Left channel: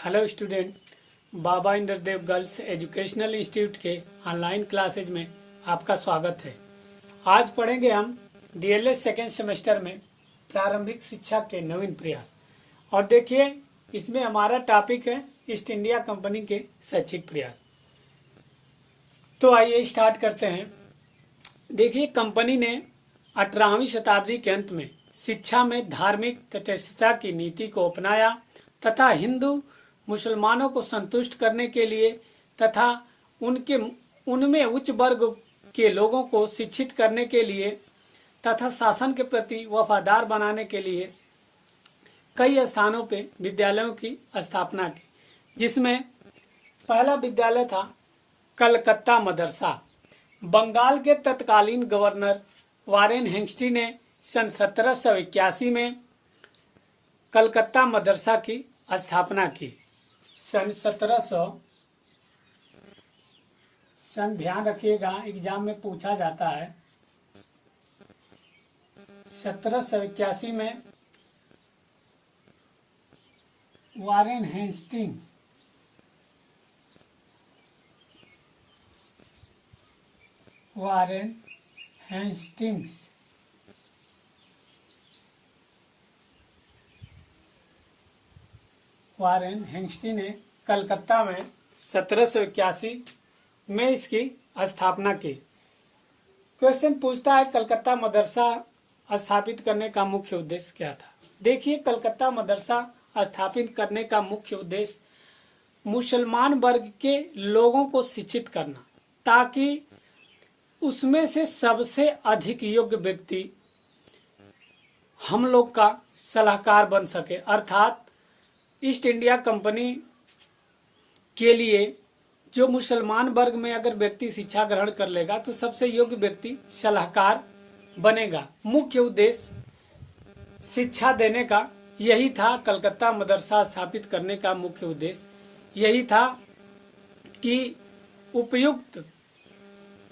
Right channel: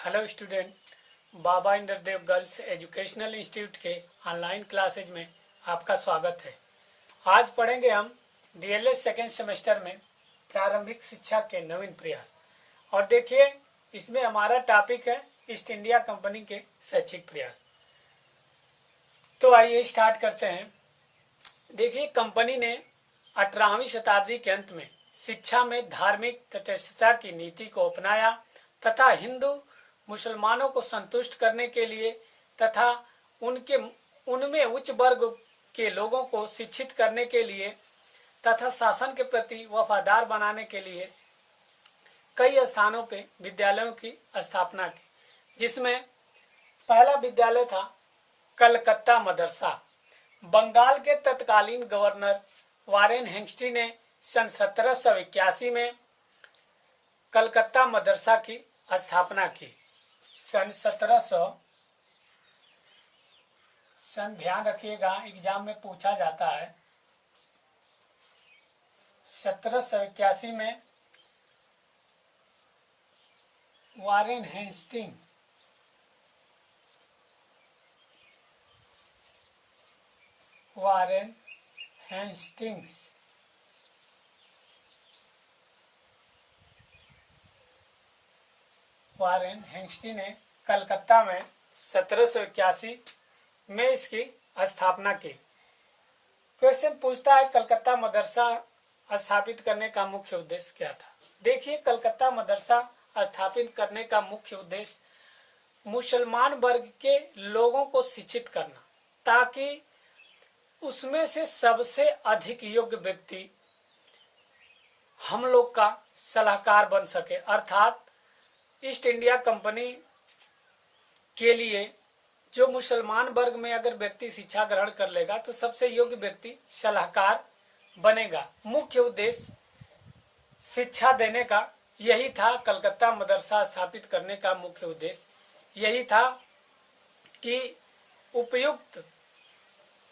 Hello student, बाबा Indradev girls educational institute के online classes में आपका स्वागत है। आज पढ़ेंगे हम डीएलएड सेकेंड सेमेस्टर में प्रारंभिक शिक्षा के नवीन प्रयास। और देखिए, इसमें हमारा टॉपिक है ईस्ट इंडिया कंपनी के शैक्षिक प्रयास। तो आइए स्टार्ट करते हैं। देखिए, कंपनी ने 18वीं शताब्दी के अंत में शिक्षा में धार्मिक तटस्थता की नीति को अपनाया तथा हिंदू मुसलमानों को संतुष्ट करने के लिए तथा उनमें उच्च वर्ग के लोगों को शिक्षित करने के लिए तथा शासन के प्रति वफादार बनाने के लिए कई स्थानों पे विद्यालयों की स्थापना की, जिसमें पहला विद्यालय था कलकत्ता मदरसा। बंगाल के तत्कालीन गवर्नर वारेन हेस्टिंग्स ने सन 1781 में कलकत्ता मदरसा की स्थापना की। सन ध्यान रखिएगा, एग्जाम में पूछा जाता है। 1781 में वारेन हेस्टिंग्स ने कलकत्ता में 1781 में इसकी स्थापना की। क्वेश्चन पूछता है, कलकत्ता मदरसा स्थापित करने का मुख्य उद्देश्य क्या था? देखिए, कलकत्ता मदरसा स्थापित करने का मुख्य उद्देश्य मुसलमान वर्ग के लोगों को शिक्षित करना, ताकि उसमें से सबसे अधिक योग्य व्यक्ति हम लोग का सलाहकार बन सके। अर्थात ईस्ट इंडिया कंपनी के लिए जो मुसलमान वर्ग में अगर व्यक्ति शिक्षा ग्रहण कर लेगा तो सबसे योग्य व्यक्ति सलाहकार बनेगा। मुख्य उद्देश्य शिक्षा देने का यही था। कलकत्ता मदरसा स्थापित करने का मुख्य उद्देश्य यही था कि उपयुक्त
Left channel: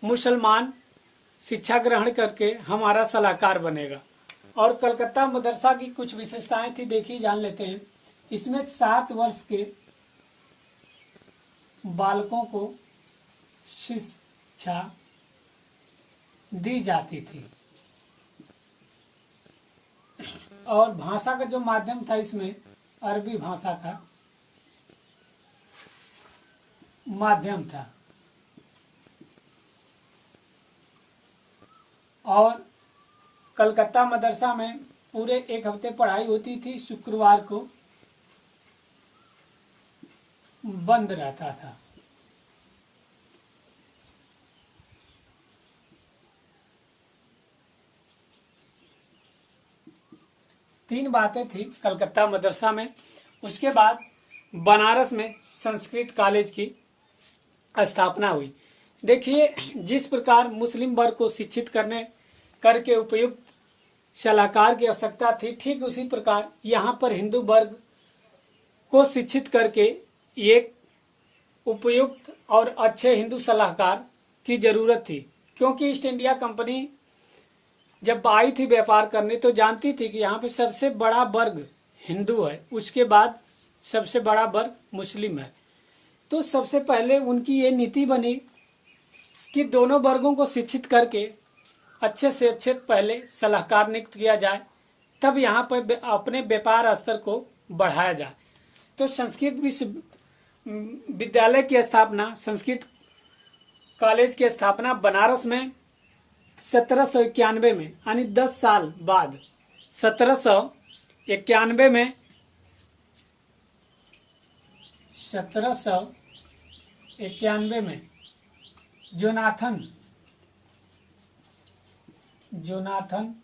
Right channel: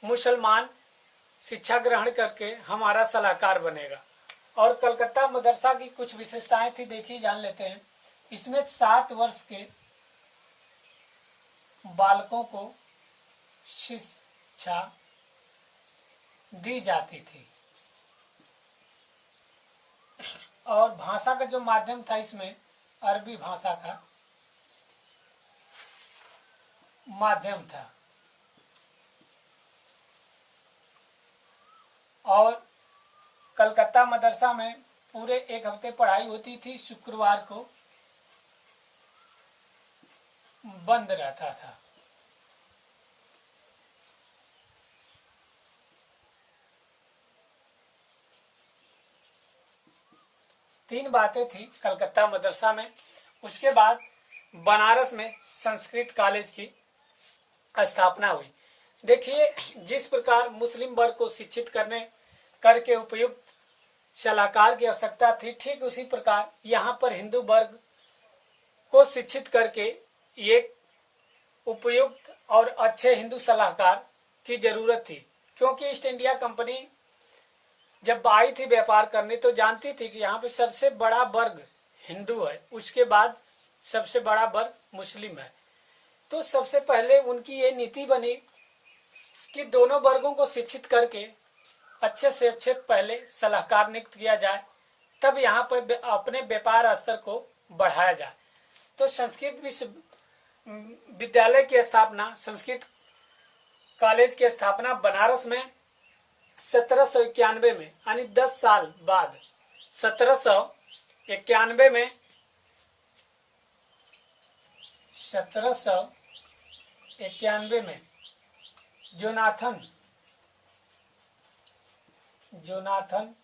मुसलमान शिक्षा ग्रहण करके हमारा सलाहकार बनेगा। और कलकत्ता मदरसा की कुछ विशेषताएं थी, देखिए जान लेते हैं। इसमें 7 वर्ष के बालकों को शिक्षा दी जाती थी और भाषा का जो माध्यम था इसमें अरबी भाषा का माध्यम था। और कलकत्ता मदरसा में पूरे 1 हफ्ते पढ़ाई होती थी, शुक्रवार को बंद रहता था। तीन बातें थी कलकत्ता मदरसा में। उसके बाद बनारस में संस्कृत कॉलेज की स्थापना हुई। देखिए, जिस प्रकार मुस्लिम वर्ग को शिक्षित करके उपयुक्त सलाहकार की आवश्यकता थी, ठीक उसी प्रकार यहाँ पर हिंदू वर्ग को शिक्षित करके एक उपयुक्त और अच्छे हिंदू सलाहकार की जरूरत थी। क्योंकि ईस्ट इंडिया कंपनी जब आई थी व्यापार करने तो जानती थी कि यहाँ पे सबसे बड़ा वर्ग हिंदू है, उसके बाद सबसे बड़ा वर्ग मुस्लिम है। तो सबसे पहले उनकी ये नीति बनी कि दोनों वर्गों को शिक्षित करके अच्छे से अच्छे पहले सलाहकार नियुक्त किया जाए, तब यहाँ पर अपने व्यापार स्तर को बढ़ाया जाए। तो संस्कृत विद्यालय की स्थापना, संस्कृत कॉलेज की स्थापना बनारस में 1791 में, यानी 10 साल बाद 1791 में जोनाथन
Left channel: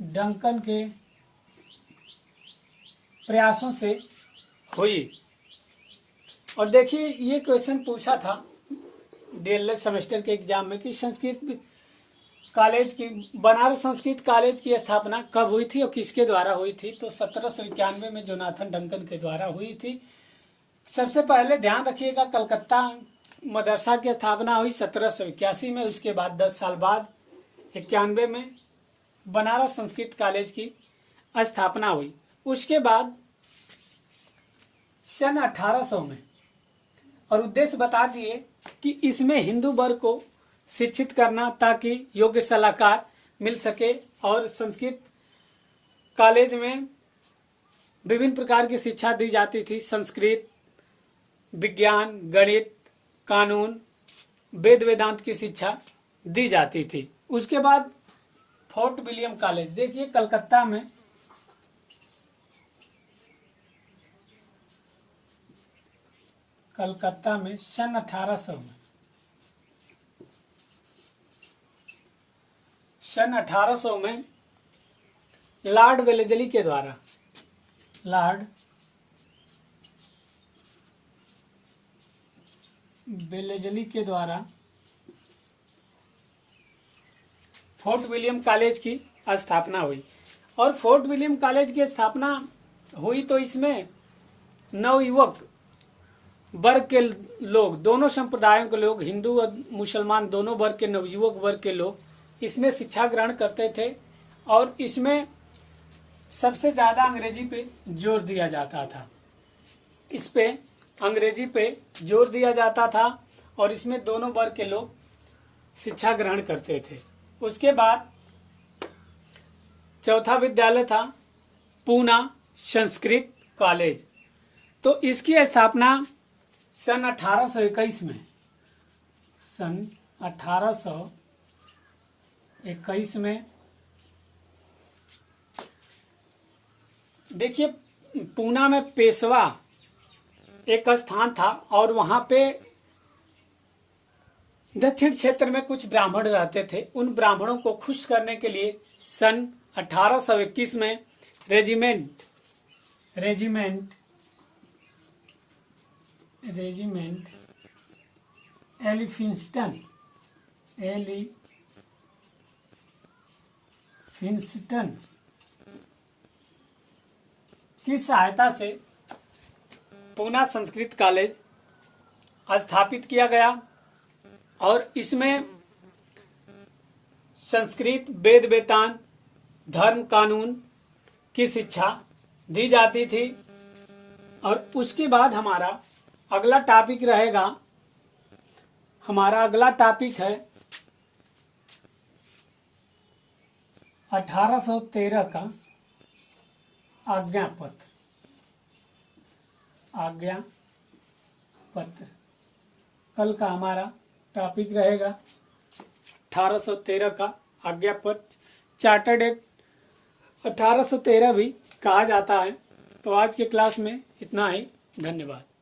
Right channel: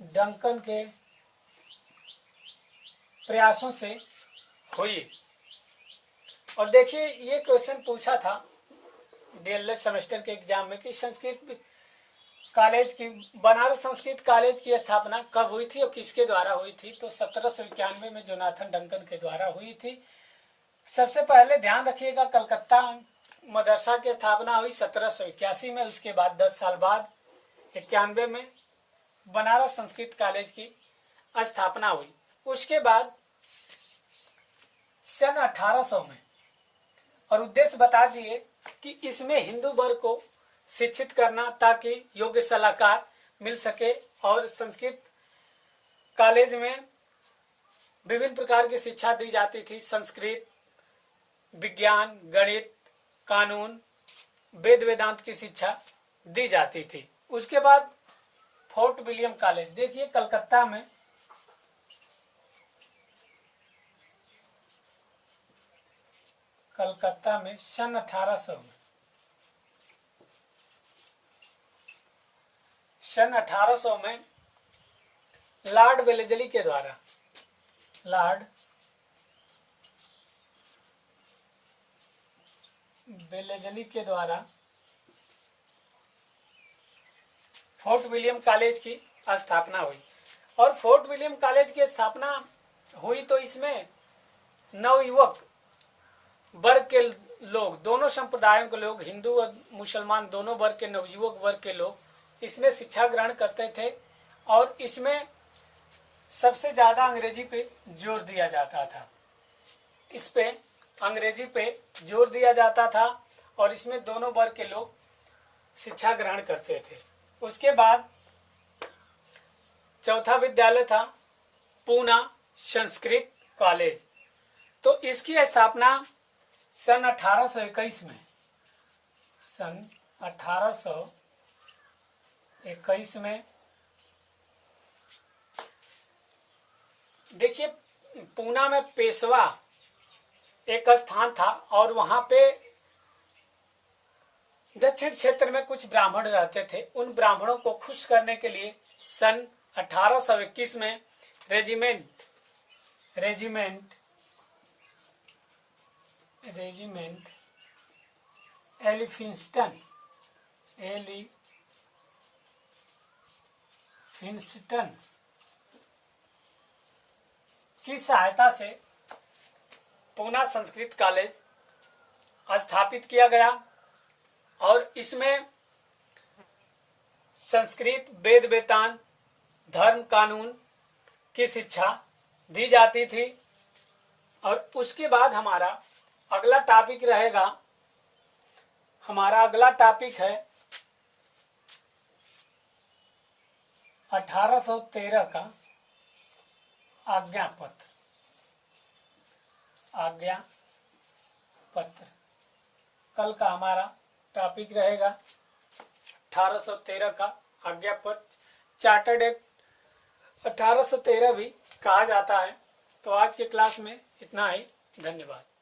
डंकन के प्रयासों से हुई। और देखिए, ये क्वेश्चन पूछा था डीएलएड सेमेस्टर के एग्जाम में कि बनारस संस्कृत कॉलेज की स्थापना कब हुई थी और किसके द्वारा हुई थी? तो 1791 में जोनाथन डंकन के द्वारा हुई थी। सबसे पहले ध्यान रखिएगा, कलकत्ता मदरसा की स्थापना हुई 1781 में। उसके बाद 10 साल बाद 91 में बनारस संस्कृत कॉलेज की स्थापना हुई। उसके बाद सन 1800 में, और उद्देश्य बता दिए कि इसमें हिंदू वर्ग को शिक्षित करना ताकि योग्य सलाहकार मिल सके, और संस्कृत कॉलेज में विभिन्न प्रकार की शिक्षा दी जाती थी। संस्कृत, विज्ञान, गणित, कानून, वेद वेदांत की शिक्षा दी जाती थी। उसके बाद फोर्ट विलियम कॉलेज, देखिए कलकत्ता में सन 1800 में लॉर्ड वेलेजली के द्वारा फोर्ट विलियम कॉलेज की स्थापना हुई। और फोर्ट विलियम कॉलेज की स्थापना हुई तो इसमें नवयुवक वर्ग के लोग, दोनों संप्रदायों के लोग, हिंदू और मुसलमान दोनों वर्ग के, नवयुवक वर्ग के लोग इसमें शिक्षा ग्रहण करते थे। और इसमें सबसे ज्यादा अंग्रेजी पे जोर दिया जाता था। इस पे अंग्रेजी पे जोर दिया जाता था और इसमें दोनों वर्ग के लोग शिक्षा ग्रहण करते थे। उसके बाद चौथा विद्यालय था पूना संस्कृत कॉलेज। तो इसकी स्थापना सन 1821 में, सन 1821 में, देखिए पूना में पेशवा एक स्थान था और वहां पे दक्षिण क्षेत्र में कुछ ब्राह्मण रहते थे। उन ब्राह्मणों को खुश करने के लिए सन 1821 में रेजिमेंट एलिफिंस्टन की सहायता से पूना संस्कृत कॉलेज स्थापित किया गया और इसमें संस्कृत, वेद वेदांत, धर्म, कानून की शिक्षा दी जाती थी। और उसके बाद हमारा अगला टॉपिक है 1813 का आज्ञा पत्र। कल का हमारा टॉपिक रहेगा 1813 का आज्ञा पत्र। चार्टर्ड एक्ट 1813 भी कहा जाता है। तो आज के क्लास में इतना ही। धन्यवाद।